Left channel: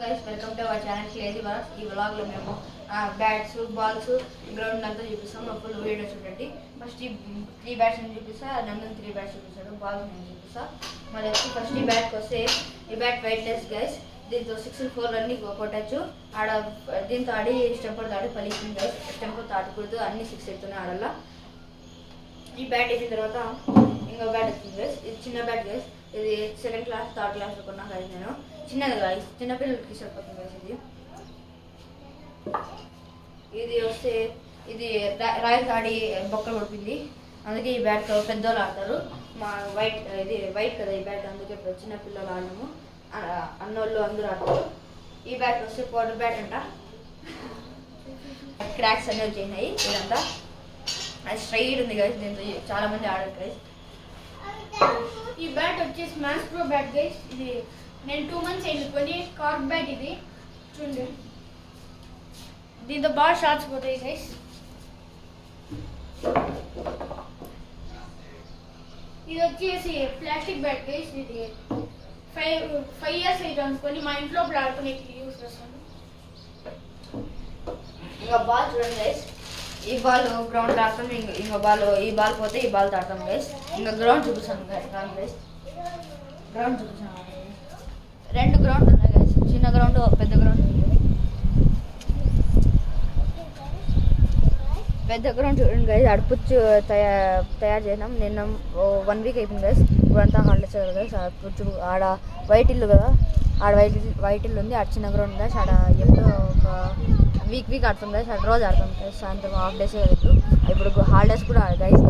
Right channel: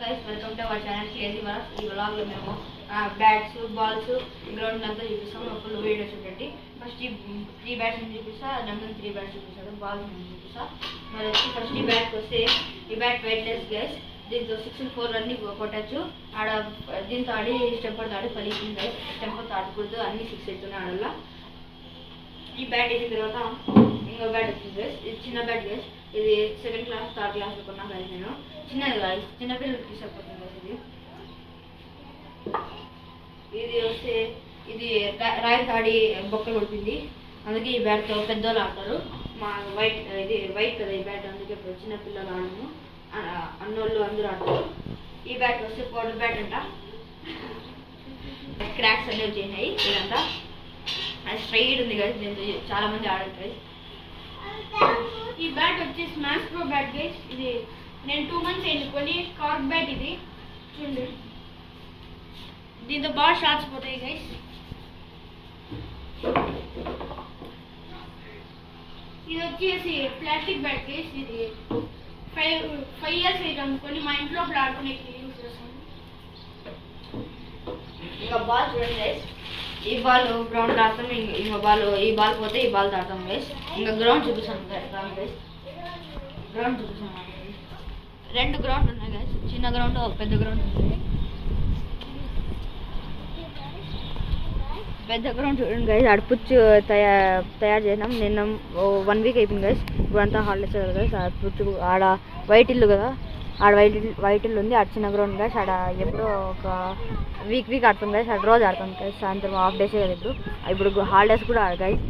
Guys welcome to our channel crazy world. ఈ వ్లాగ్లో మేము బ్యాట్స్ బాల్స్ గ్రౌండ్ అంతా చూపిస్తాం. ఫుల్ వీడియో చూడండి. ఫస్ట్ త్రీ బ్యాట్స్ చూపిస్తా, నందన్ త్రీ బ్యాట్స్ చూపిస్తాడు, బాల్స్ నేను చూపిస్తా. మరి వచ్చి ఫస్ట్ ఈ బ్యాట్కి వస్తే ఈ బ్యాట్ వెయిట్లెస్ గైస్. దీంతో 6 4 రన్ని కొట్టచ్చు. ఆడ దీంతో ఆడి స్టెంపర్ తాడి పలికింది గైస్. స్టెంపర్ తాడకూడదు, అన్ని 6 అవుతున్నాయి ఆడల్లా. ఈ బ్యాట్ వేసిన తర్వాత ఇంకో బ్యాట్ వచ్చింది గైస్. ఇది చిన్న బ్యాట్ గైస్. ఇది 2nd క్లాస్ 3rd క్లాస్లో కొన్నా గైస్. నేను చిన్నది గైస్, చిన్నపిల్లలకి సరిపోతుంది గైస్. ఇది వస్తే ఇది రాయల్స్ ఆడి బొక్కలు కొడుతుంది, అందుకే ఈ బ్యాట్తో పెద్దోళ్ళు ఆడతారు. మా ఇది వైట్ కదా ఈ బ్యాట్, అందుకే చిన్నపిల్లలు ఆడము, అన్నోళ్ళు అందరూ ఆడతారు. ఈ బ్యాట్ వస్తే పౌడర్ బ్యాట్ అంట. క్రాక్స్ అన్నీ వచ్చేసినాయి. ఇదంతా అది స్ట్రైట్ ఉంది గైస్. దీంతో చాలా మంది ఆడారు గైస్. ఈ బ్యాట్ వచ్చేసి మ్యాక్స్ ప్రో బ్యాట్ గైస్. ఇది నేను 2 months అయింది కొని. కార్క్ బ్యాట్ ఇది చూడండి. దీంతో బాగా షాట్స్ పోతాయి గైస్. ఇది వచ్చేసి ప్లాస్టిక్ బ్యాట్ గైస్. ఇది 5 years అయితే అనుకొని మా ఇంట్లో ఆడుకునే యూస్ చేస్తాను. ఇంకా బాల్ చూడండి గైస్. ఈ బాల్ గ్రౌండ్ ఆడతాం. ఇంకో బాల్ ఈ బాల్ పోతే ఈ బాల్ ఆడతాం గైస్. ఇంకా గ్రౌండ్ చూపిస్తాను గైస్. గ్రౌండ్ చూపిస్తాను. 2 గ్రౌండ్ ఉన్నాయి గైస్. చిన్న గ్రౌండ్, పెద్ద గ్రౌండ్ ఉంది. పెద్ద గ్రౌండ్ చూడండి గైస్. ఆడ పుచ్చు తయారు చేసినాం. నిన్న 1 week అయిపోయింది గైస్. ఇప్పుడంతా హాలిడేస్ కదా గైస్. ఆ పుచ్చు ఆడ వైట్ ఇల్లు కదా, ఆడ వైట్ ఇల్లు ఉంది. ఆడ చిన్న గ్రౌండ్ గైస్. ఆడ ఎప్పుడో ఒక వీక్ ఆడతాం గైస్. ఆడ రోజు ఆడతాం గైస్. సాయంత్రం హాఫ్ డేసే కదా ఇప్పుడు హాలిడేస్ కూడా ఆడ గైస్.